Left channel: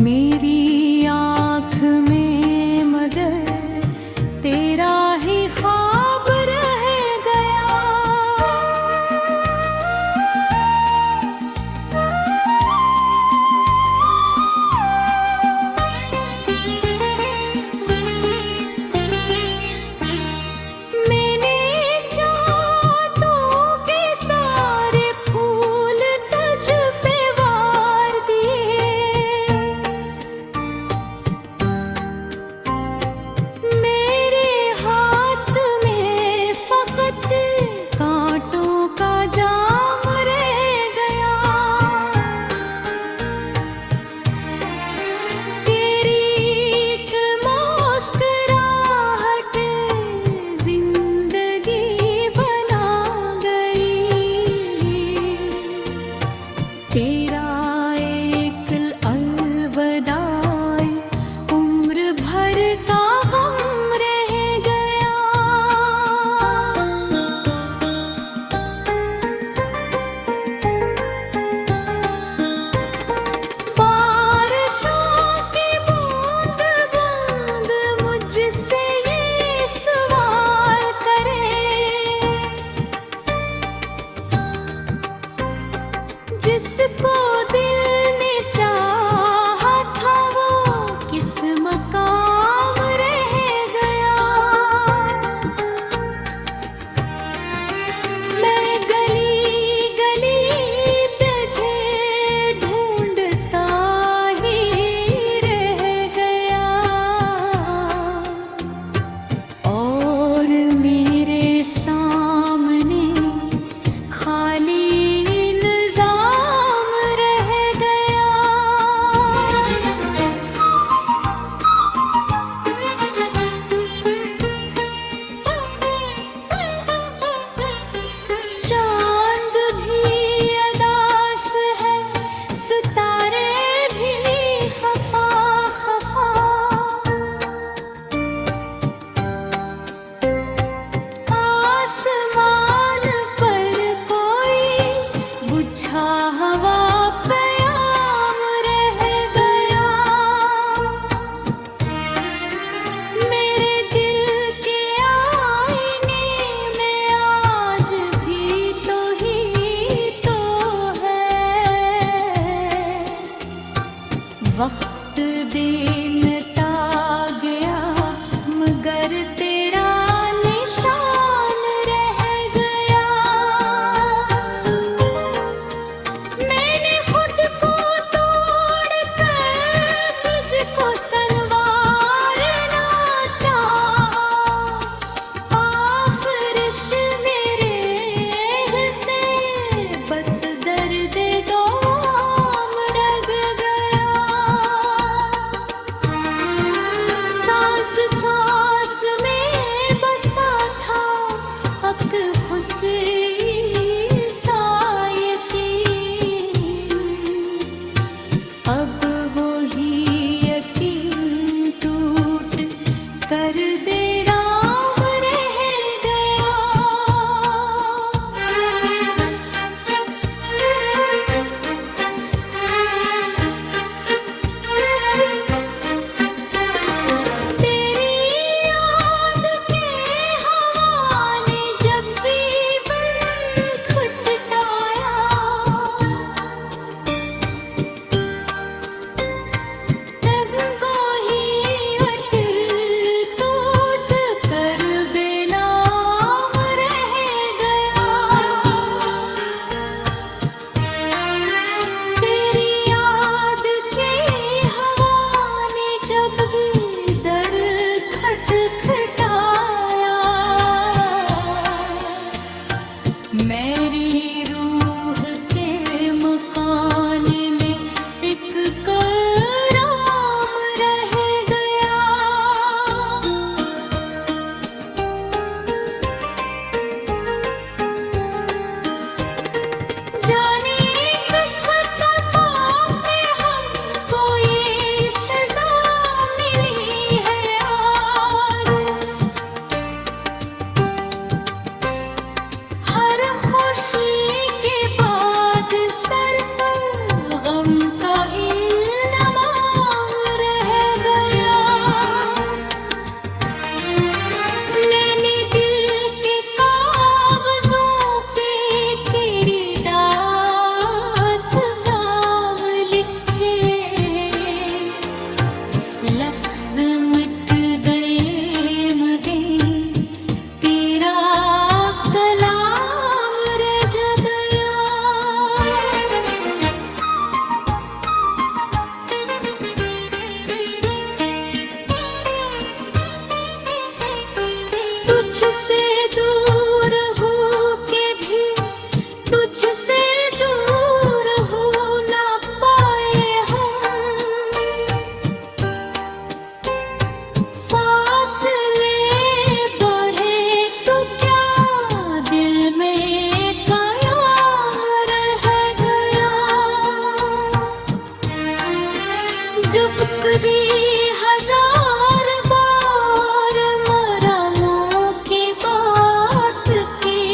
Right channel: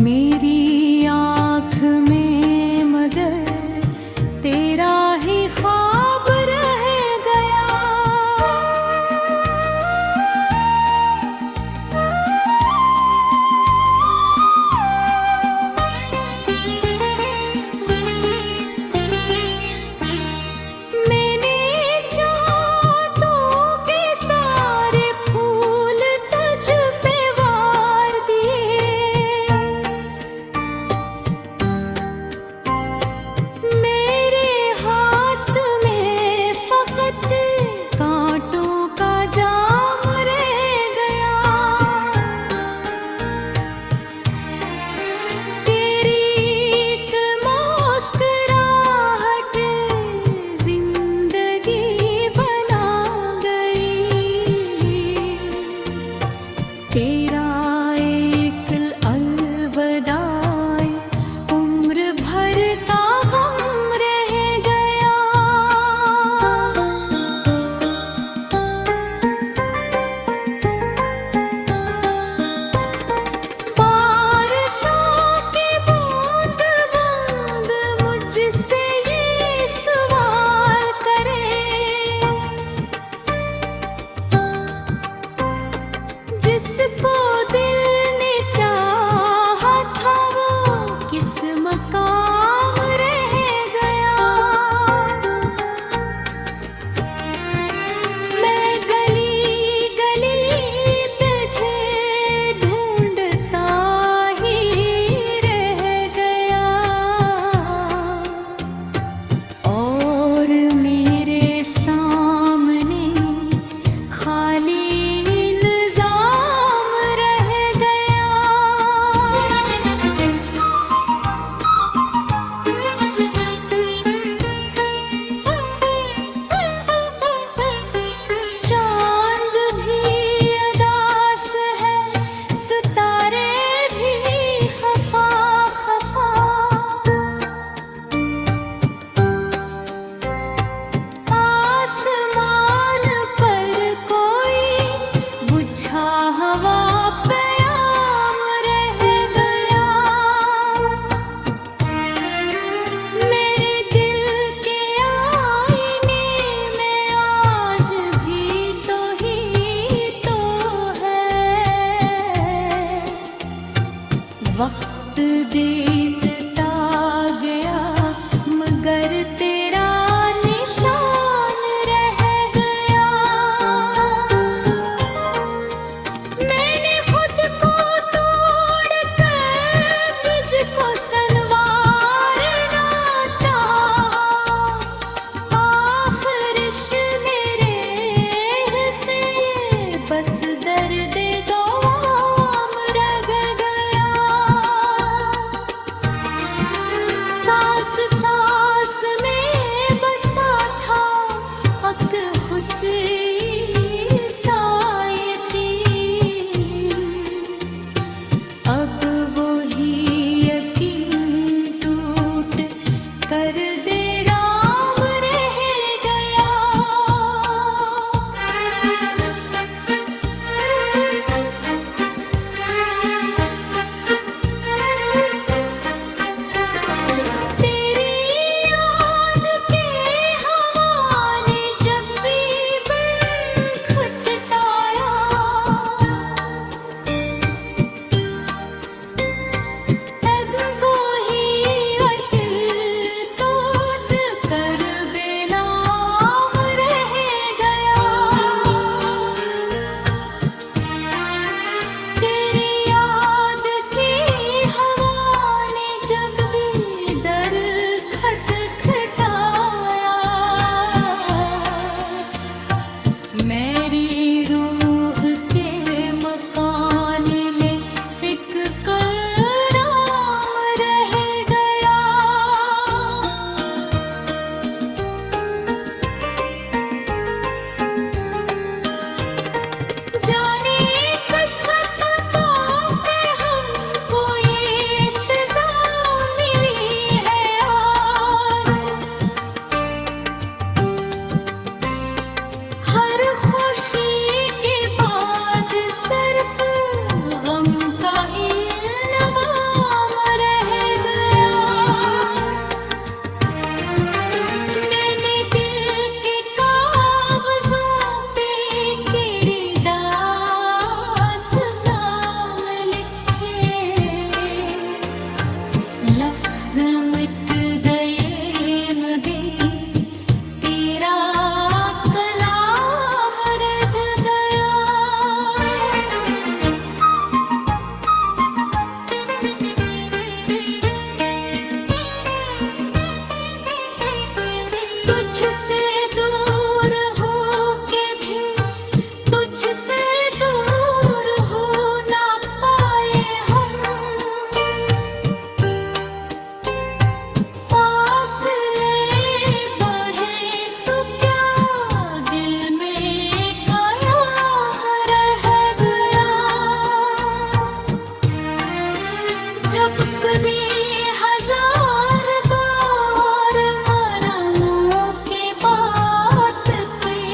मेरी आँख में मगर तेरा ही ख्वाब रह गया। मैंने चाहतों के सारे फूल तुझ पे वार दिए। मेरे हाथ में फकत कांटों का जाम रह गया। तेरी एक मुस्कुराहट जिंदगी बना गई। तेरा एक अलविदाई उम्र भर का गम रह गया। बारिशों की बूंद बूंद मुझसे ये सवाल करे, जिसको दिल ने चाहा था वो किस मकाम रह गया। मैं गली गली तुझे ढूंढता ही रह गया। और मेरे सामने खाली इंतज़ाम रह गया। चांद भी अदास है, सितारे भी खफा खफा। आसमान पर कोई बुझा हवा प्याम रह गया। मेरे दिल के आईने में आज भी तो ही तो है। वक्त देता गया मगर तेरा निशान रह गया। मैंने खुद को तोड़कर तुझको संवारना चाहा। आखिरिश मेरे हिस्से बस दर्द दो आम रह गया। सांस सांस में बसा था हक हुस्न सा यकीन। अब वही यकीन टूट कर दे राम रह गया। तेरी याद के हवा ने जब भी बन खटटाया, जब कभी हजार बार मरा मुंह की बात की,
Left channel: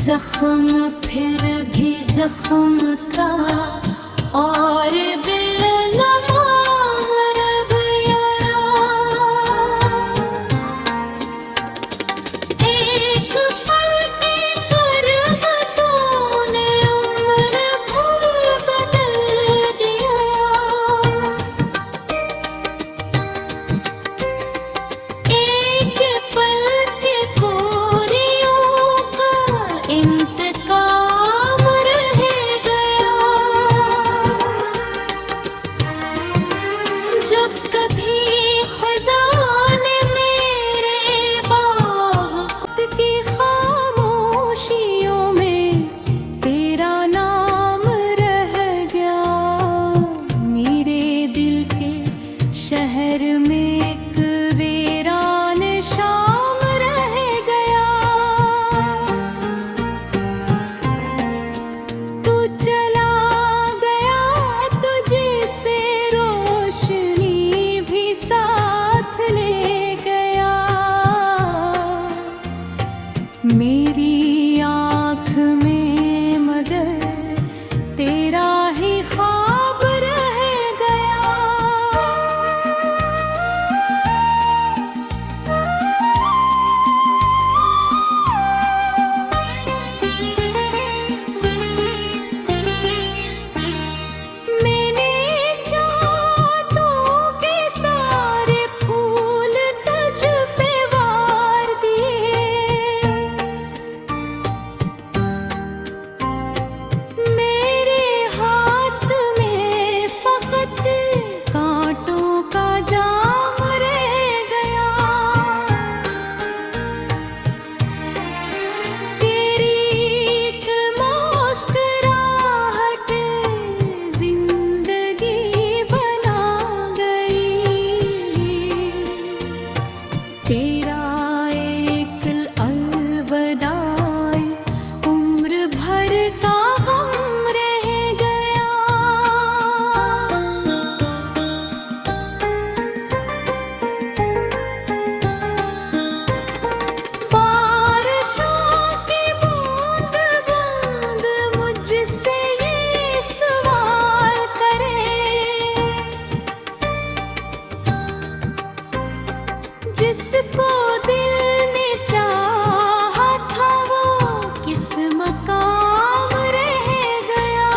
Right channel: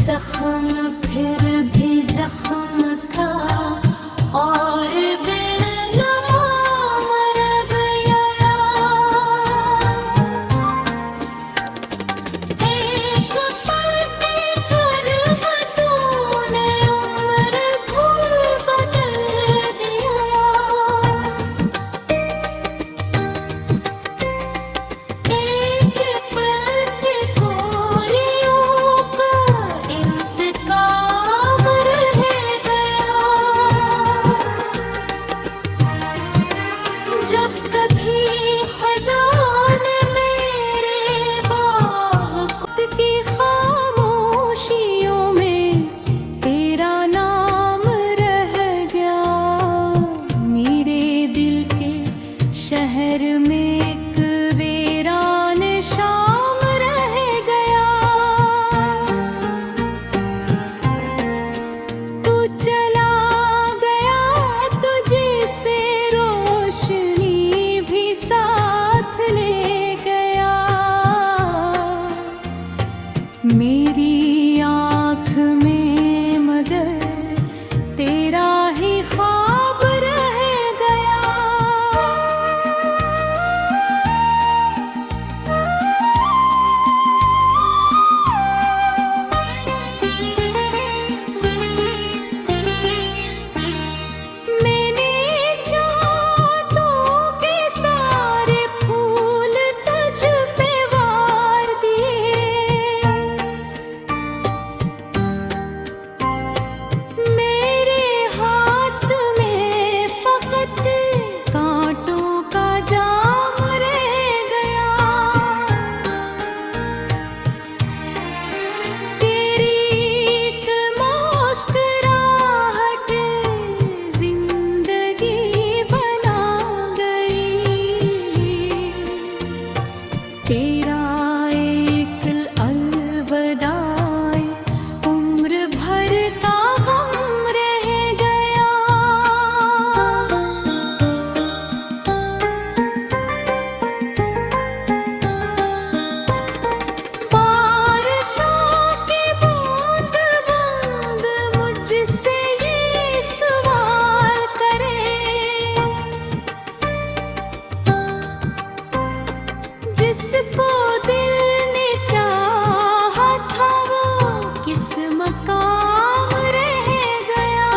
जख्म फिर भी जख्म का और बेलगाम रह गया। एक पल के कर्ब तूने उम्र भूल बदल दिया। एक पल के कोरियों का इंतकाम रह गया। जब कभी खजाने मेरे बाग की खामोशियों में तेरा नाम रह गया। मेरे दिल के शहर में एक वीरान शाम रह गया। तू चला गया तुझसे रोशनी भी साथ ले गया। मेरी आँख में मगर तेरा ही ख्वाब रह गया। मैंने चाहतों के सारे फूल तुझ पे वार दिए। मेरे हाथ में फकत कांटों का जाम रह गया। तेरी एक मुस्कुराहट जिंदगी बना गई। तेरा एक अलविदाई उम्र भर का गम रह गया। बारिशों की बूंद बूंद मुझसे ये सवाल करे, जिसको दिल ने चाहा था वो किस मकाम रह गया।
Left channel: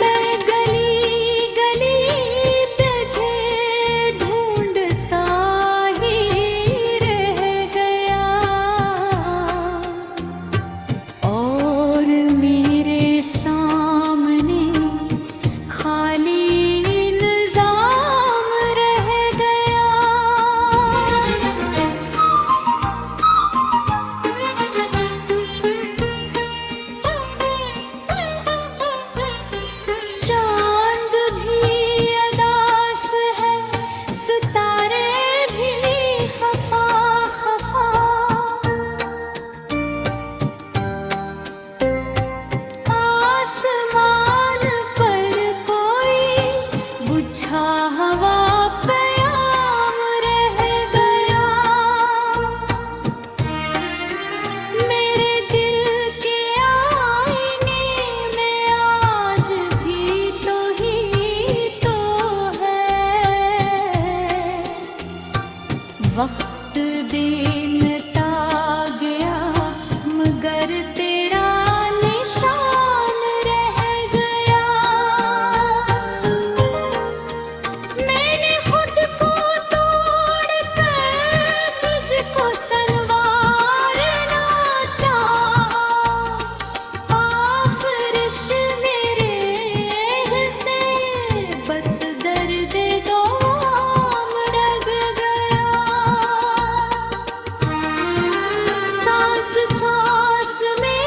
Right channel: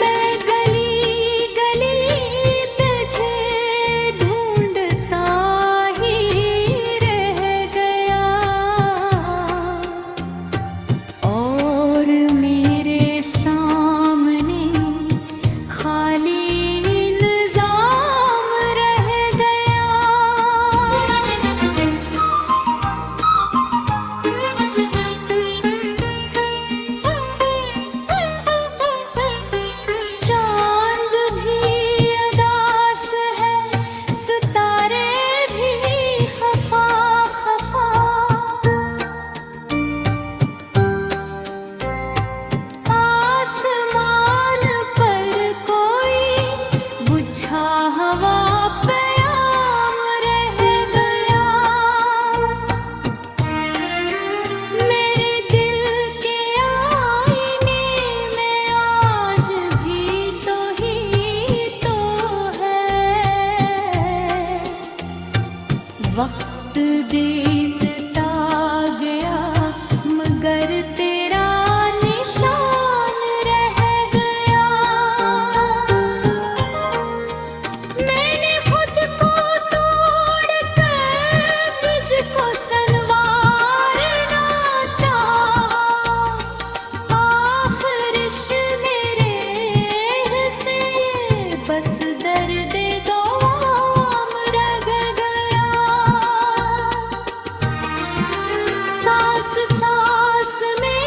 मैं गली गली तुझे ढूंढता ही रह गया। और मेरे सामने खाली इंतजाम रह गया। चांद भी अदास है, सितारे भी खफा खफा। आसमान पर कोई बुझा हवा प्याम रह गया। मेरे दिल के आईने में आज भी तो ही तो है। वक्त देता गया मगर तेरा निशान रह गया। मैंने खुद को तोड़ कर तुझको संवारना चाहा। आखिरिश मेरे हिस्से बस दर्द दोआम रह गया। सांस सांस में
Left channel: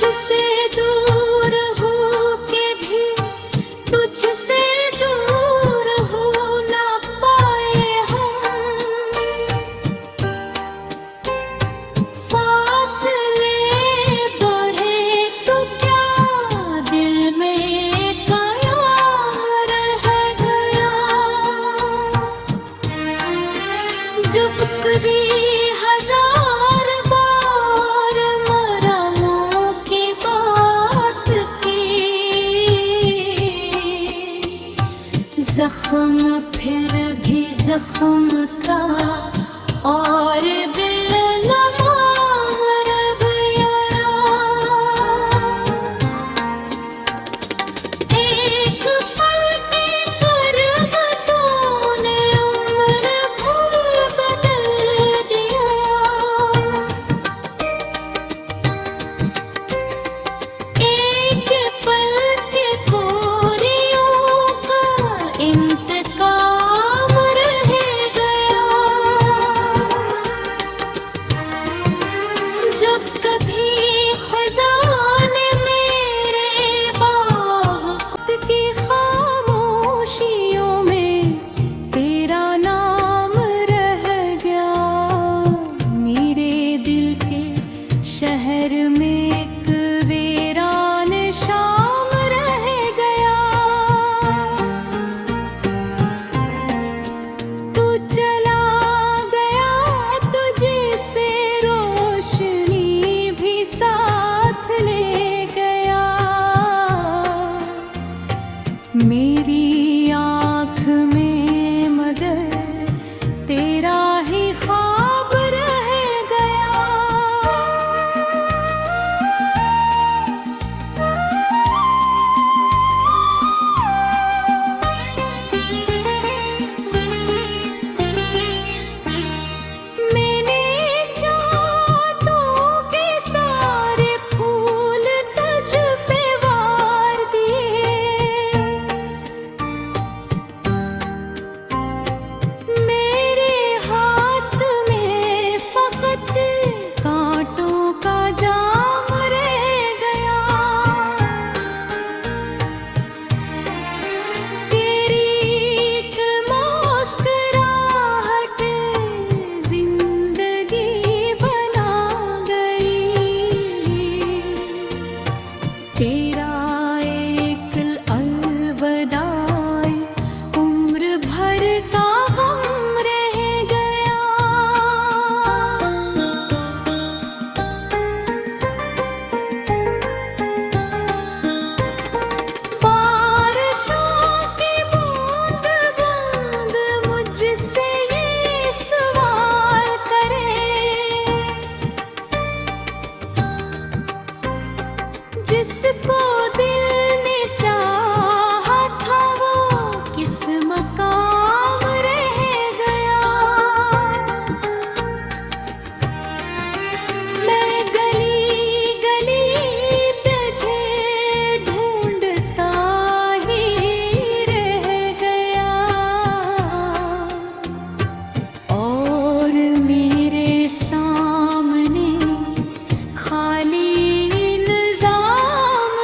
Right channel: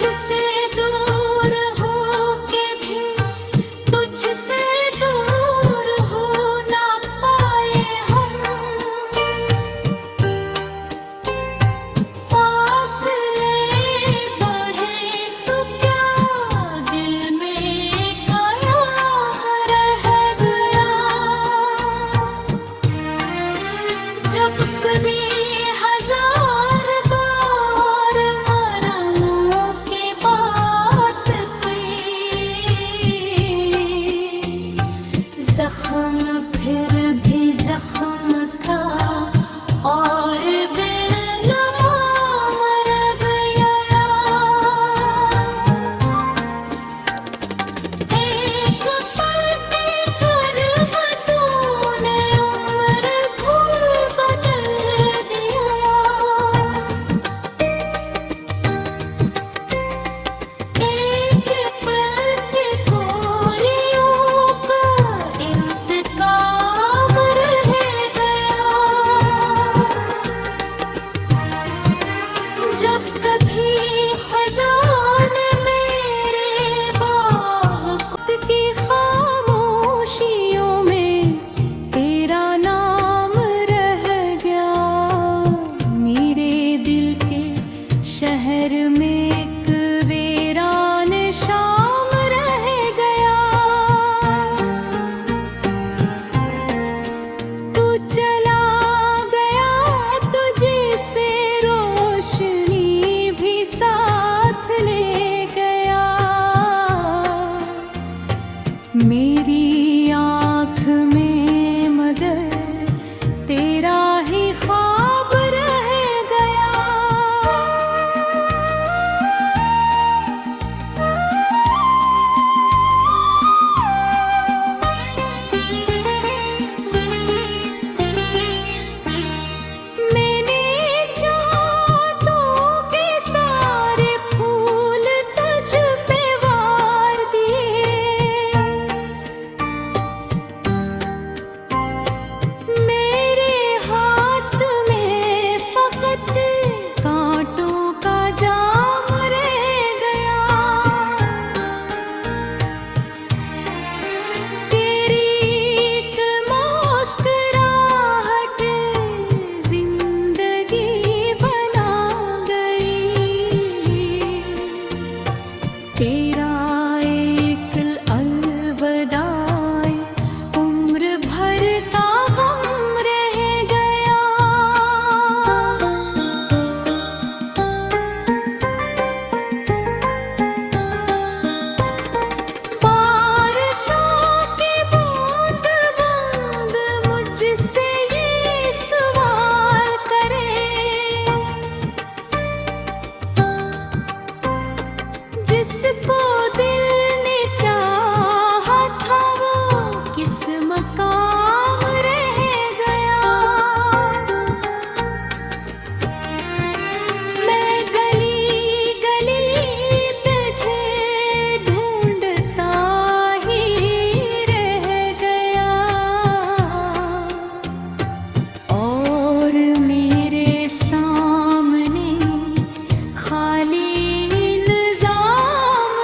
मुझसे दूर हो के भी तुझसे दूर हो ना पाए हम। फासले बढ़े तो क्या दिल में कयाम रह गया। जब कभी हजार बार मरमों की बात की, जख्म फिर भी जख्म का और बेलगाम रह गया। एक पल के कर्ब तूने उम्र भर बदल दिया। एक पल के कोरियों का इंतकाम रह गया। जब कभी खजाने मेरे बाग खुद की खामोशियों में तेरा नाम रह गया। मेरे दिल के शहर में एक वीरान शाम रह गया। तू चला गया तुझे से रोशनी भी साथ ले गया। मेरी आँख में मगर तेरा ही ख्वाब रह गया। मैंने चाहतों के सारे फूल तुझ पे वार दिए। मेरे हाथ में फकत कांटों का जाम रह गया। तेरी एक मुस्कुराहट जिंदगी बना गई। तेरा एक अलविदाई उम्र भर का गम रह गया। बारिशों की बूंद बूंद मुझसे ये सवाल करे, जिसको दिल ने चाहा था वो किस मकाम रह गया। मैं गली गली तुझे ढूंढता ही रह गया। और मेरे सामने खाली निजाम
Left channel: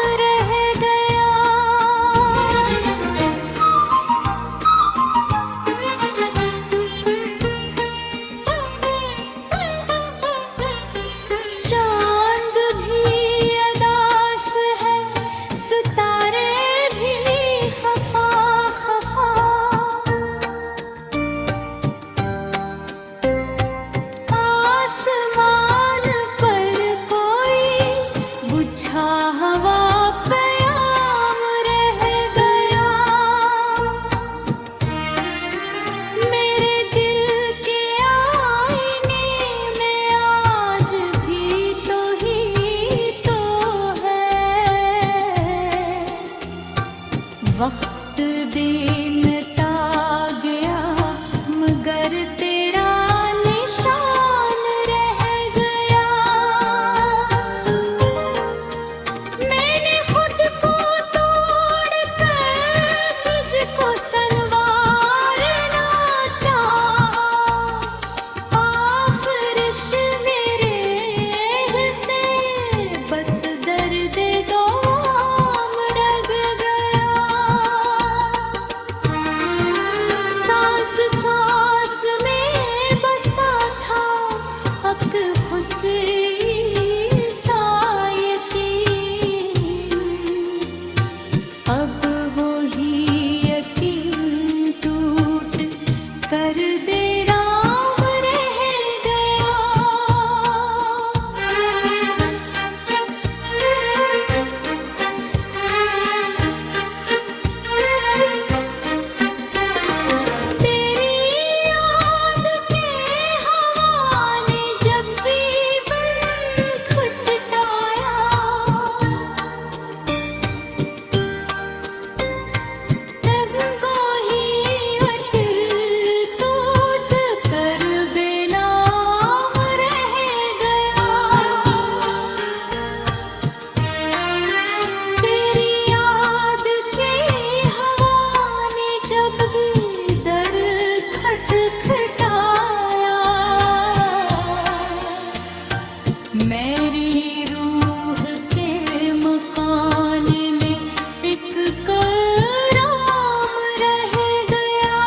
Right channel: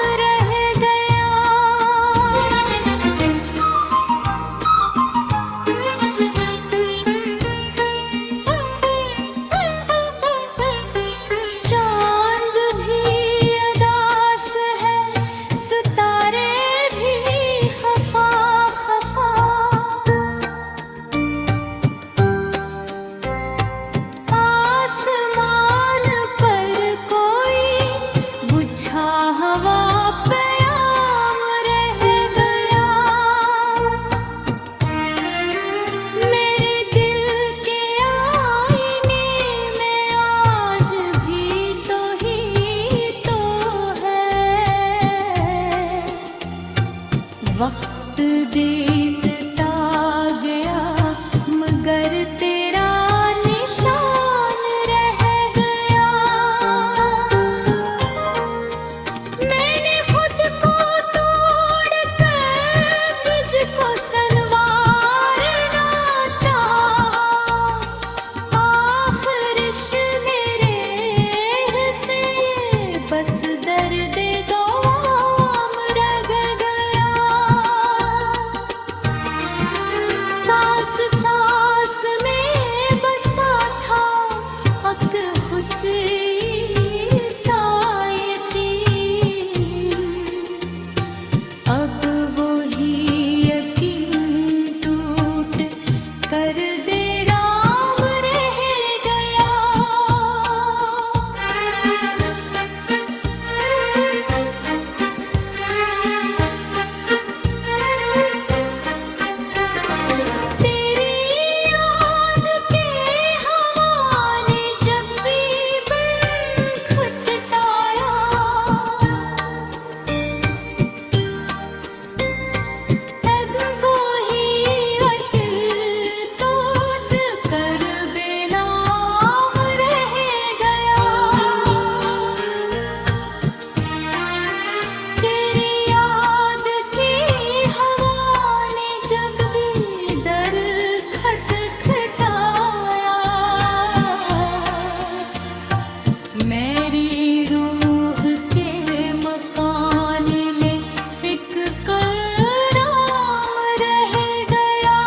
बस दर्द दोआम रह गया। सांस सांस में बसा था हक हुस्न सा यकीन, अब वो ही यकीन टूट कर दे राम रह गया। तेरी याद के हवा ने जब भी बन खटटाया, तब वो ही अतिल तूत कर बेनाम रह गया। तेरी याद की हवा ने जब भी दर खटखटाया, मेरी रूह के मकान में एक कराम रह गया।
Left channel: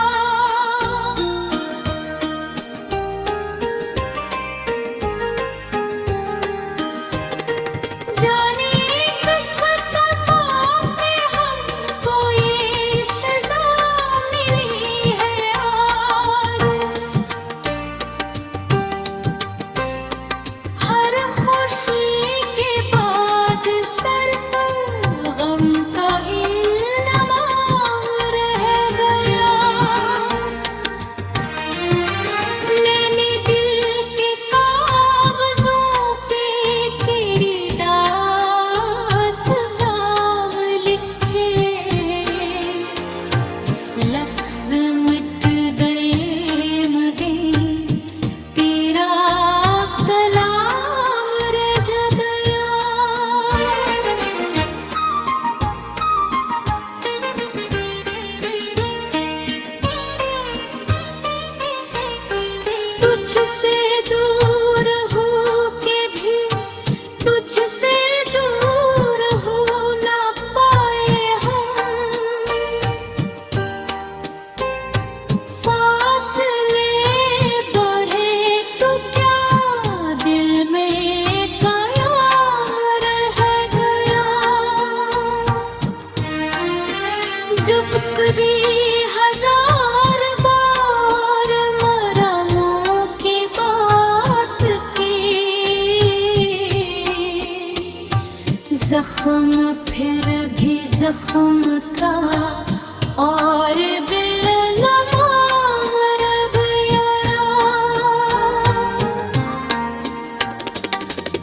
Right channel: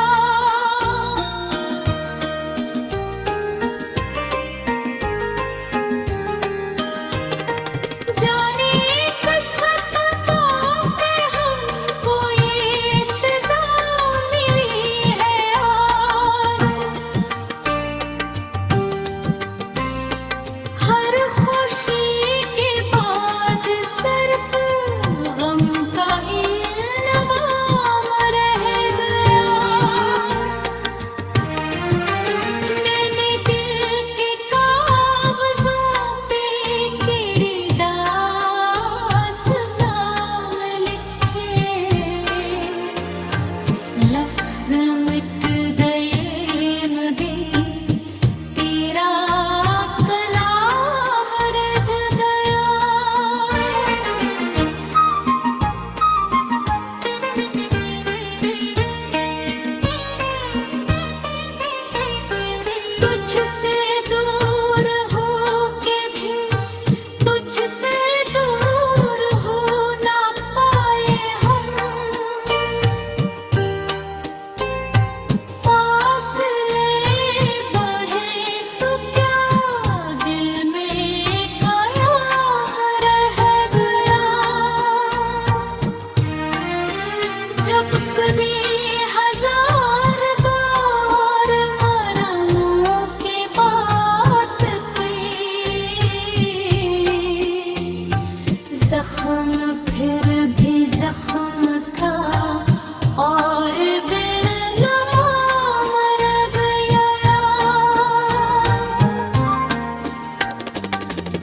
जाने किस खता पे हमको ये सजा मिली है आज। हर खुशी के बाद सिर्फ गम का इल्ज़ाम रह गया। मैंने दिल के कागज़ों पे तेरी दास्तान लिखे, लफ्ज़ मिट गए मगर तेरा कलाम रह गया। तुझसे दूर हो के भी तुझसे दूर हो ना पाए हम, फासले बढ़े तो क्या दिल में कयाम रह गया। जब कभी हजार बार मरा मुँह की बात की, जख्म फिर भी जख्म का और बेलगाम रह गया।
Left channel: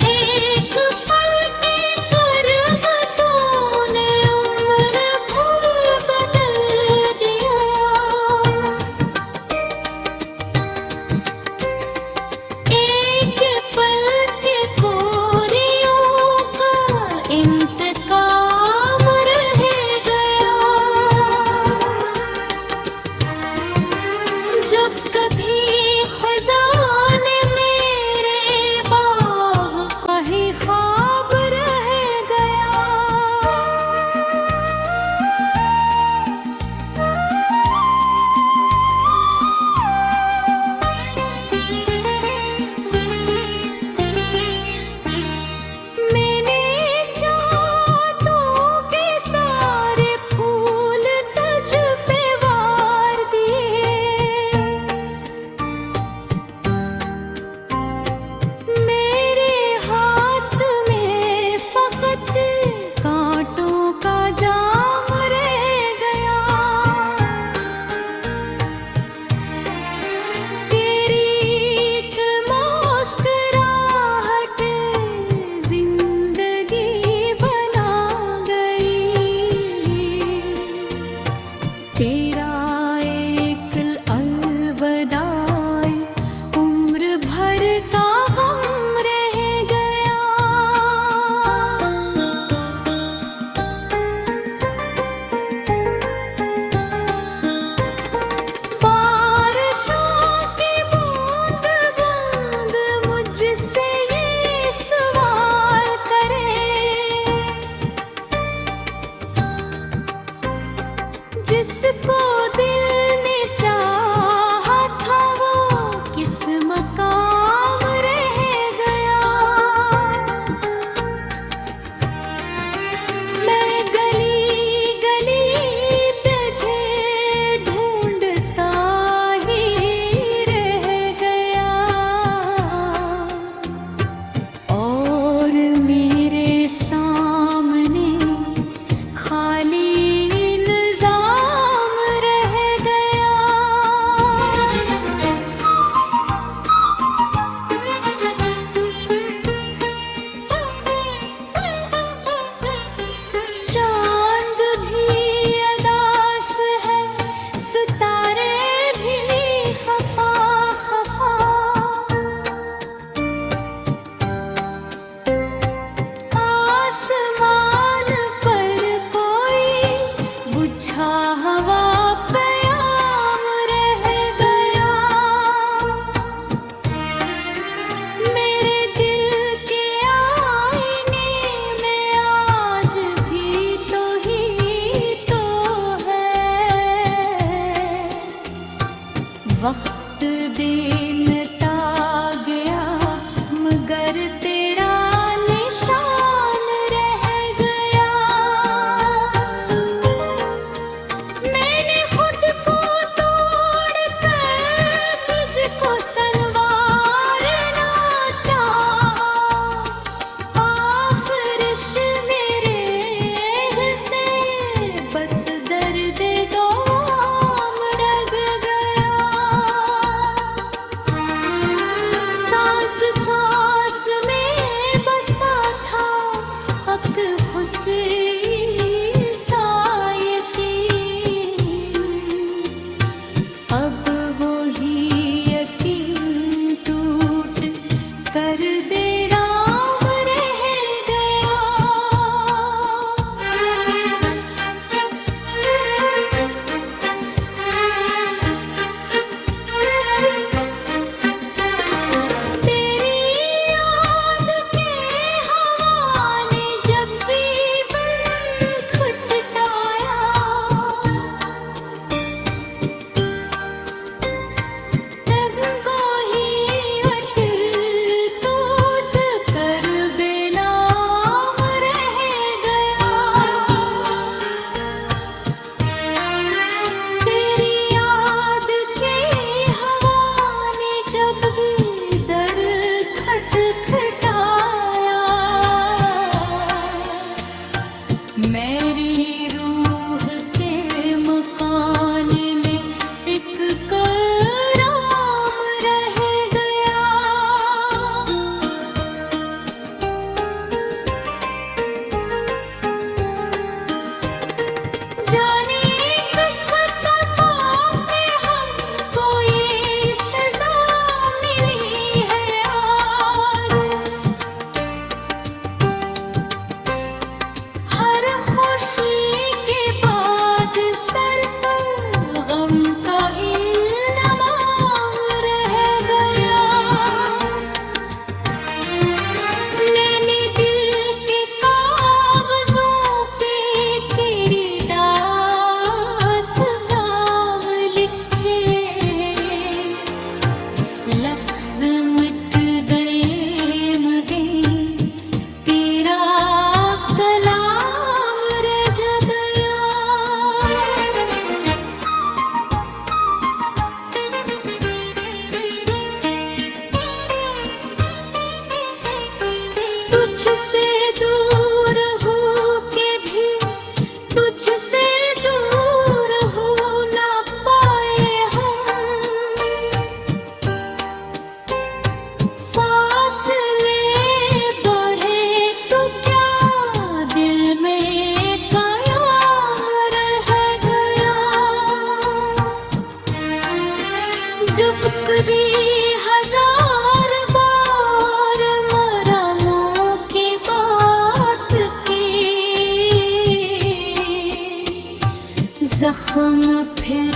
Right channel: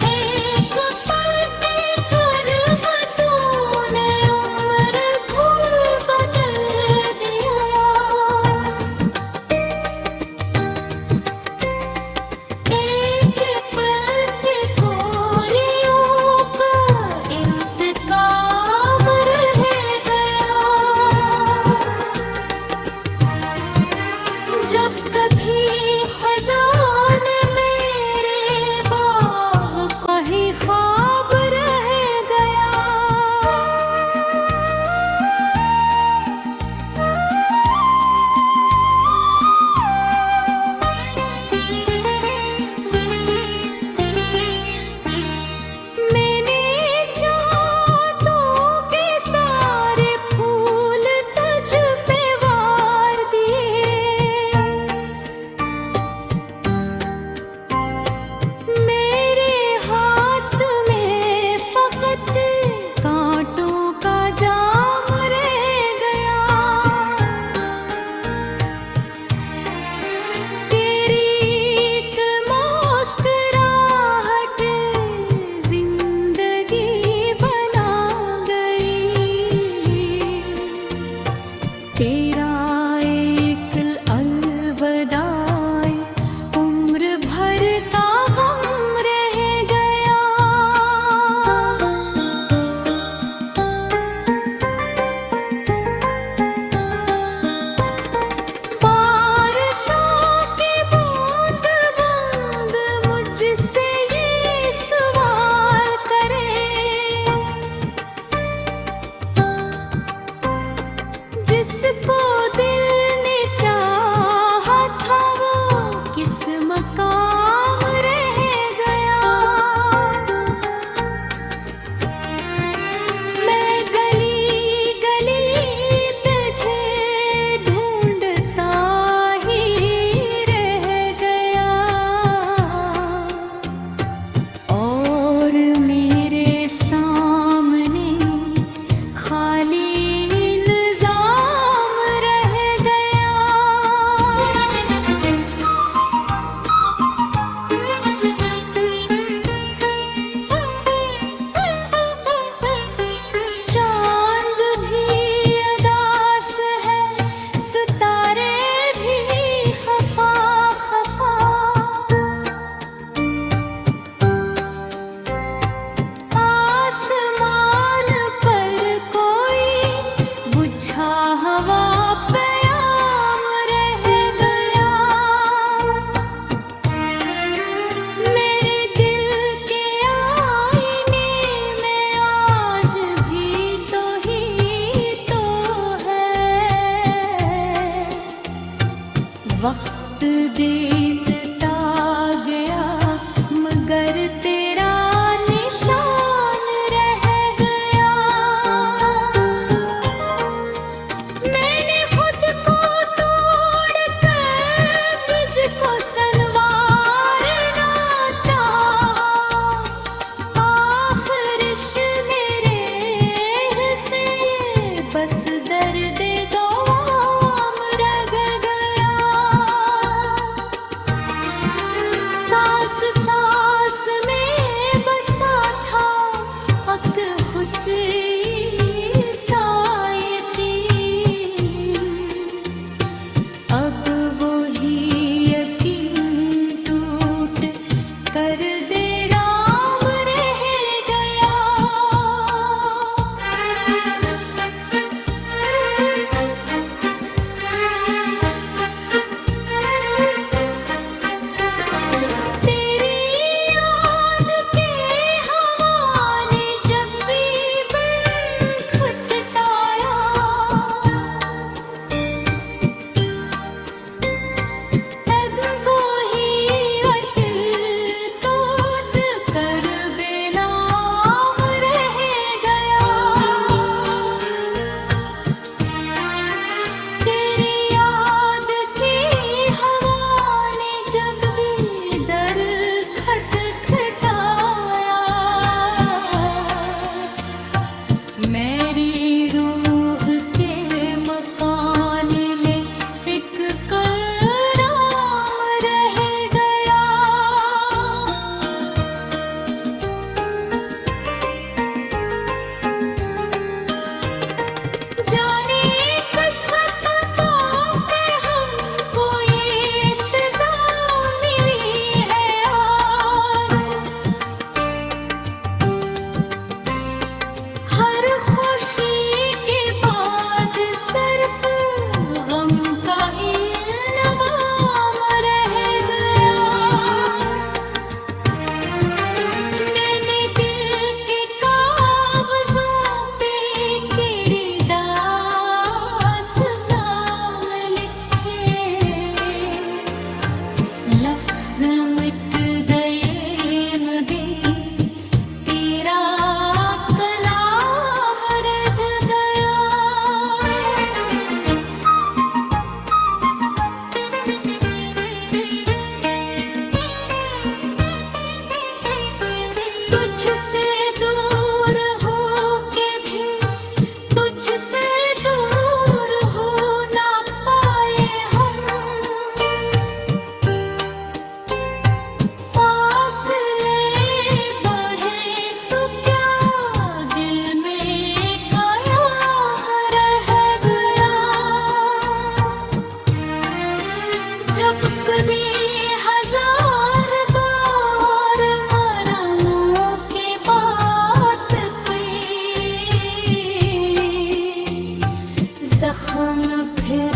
एक पल के कर्ब तूने उम्र भूल बदल दिया। एक पल के कोरियों का इंतकाम रह गया। वक्त हुस्न साये यकीन, अब वो ही यकीन टूट कर दे राम रह गया। तेरी याद के हवा ने जब भी बन खटटाया, तब वो ही अटल तूत कर बेनाम रह गया। तेरी याद की हवा ने जब भी दर खटखटाया, मेरी रूह के मकान में एक कराम रह गया। जाने किस खता पे हमको ये सजा मिली है आज। हर खुशी के बाद सिर्फ गम का इल्ज़ाम रह गया। मैंने दिल के कागजों पे तेरी दास्तान लिखे, लफ्ज मिट गए मगर तेरा कलाम रह गया। तुझसे दूर हो के भी तुझसे दूर हो ना पाए हम, फासले बढ़े तो क्या दिल में कयाम रह गया। जब कभी हजार बार मरमों की बात की, जख्म फिर